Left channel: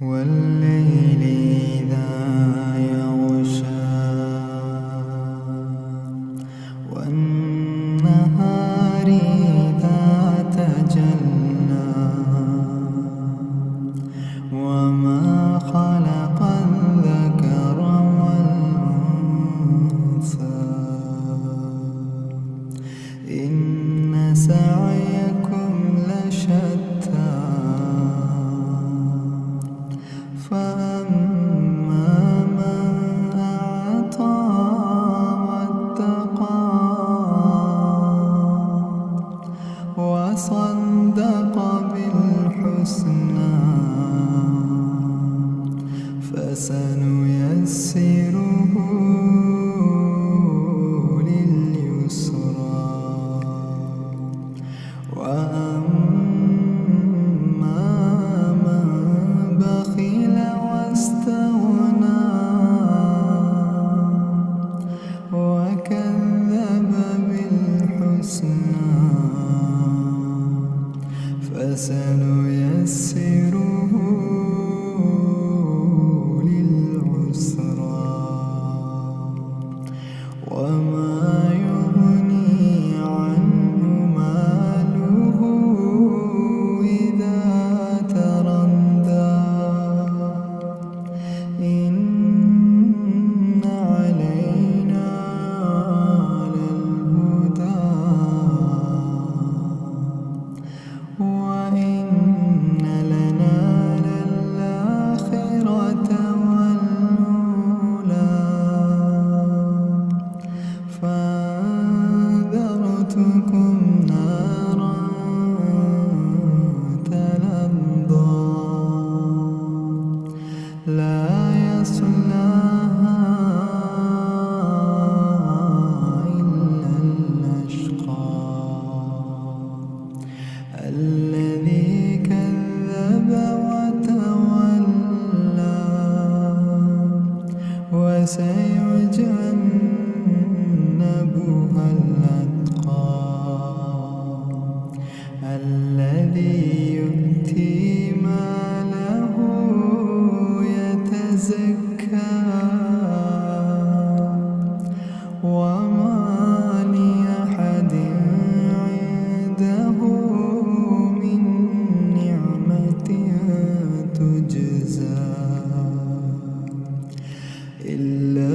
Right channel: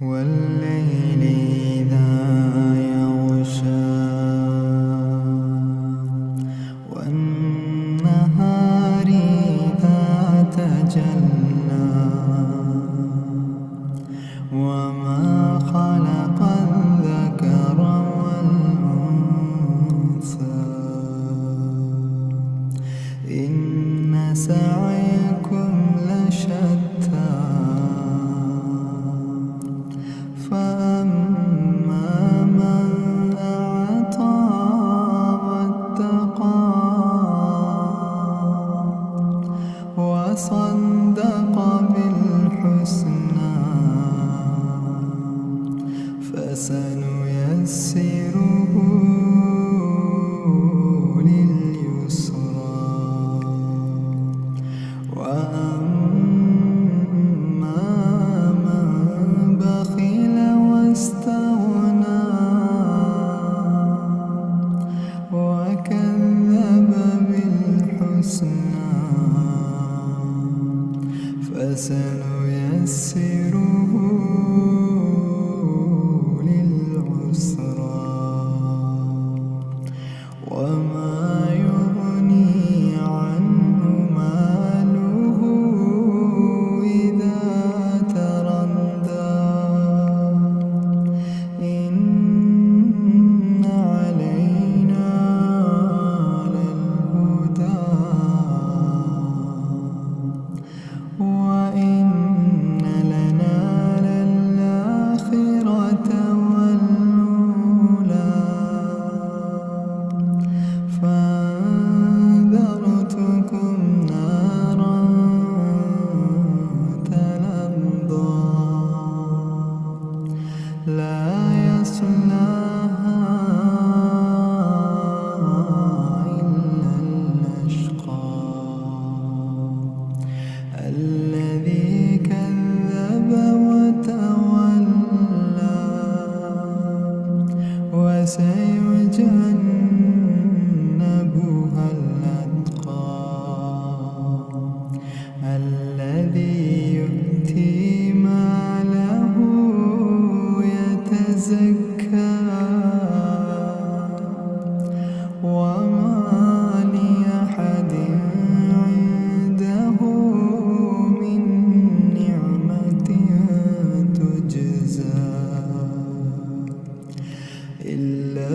والليل إذا يغشى والنهار إذا تجلى وما خلق الذكر والأنثى إن سعيكم لشتى فأما من أعطى واتقى وصدق بالحسنى فسنيسره لليسرى وأما من بخل واستغنى وكذب بالحسنى فسنيسره للعسرى وما يغني عنه ماله إذا تردى إن علينا للهدى وإن لنا للآخرة والأولى فأنذرتكم نارا تلظى لا يصلاها إلا الأشقى الذي كذب وتولى وسيجنبها الأتقى الذي يؤتي ماله يتزكى وما لأحد عنده من نعمة تجزى إلا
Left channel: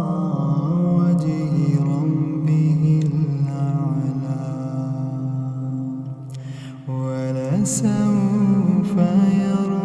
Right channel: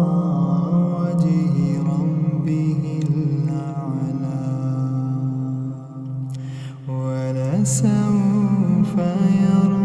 ابتغاء وجه ربه الأعلى ولسوف يرضى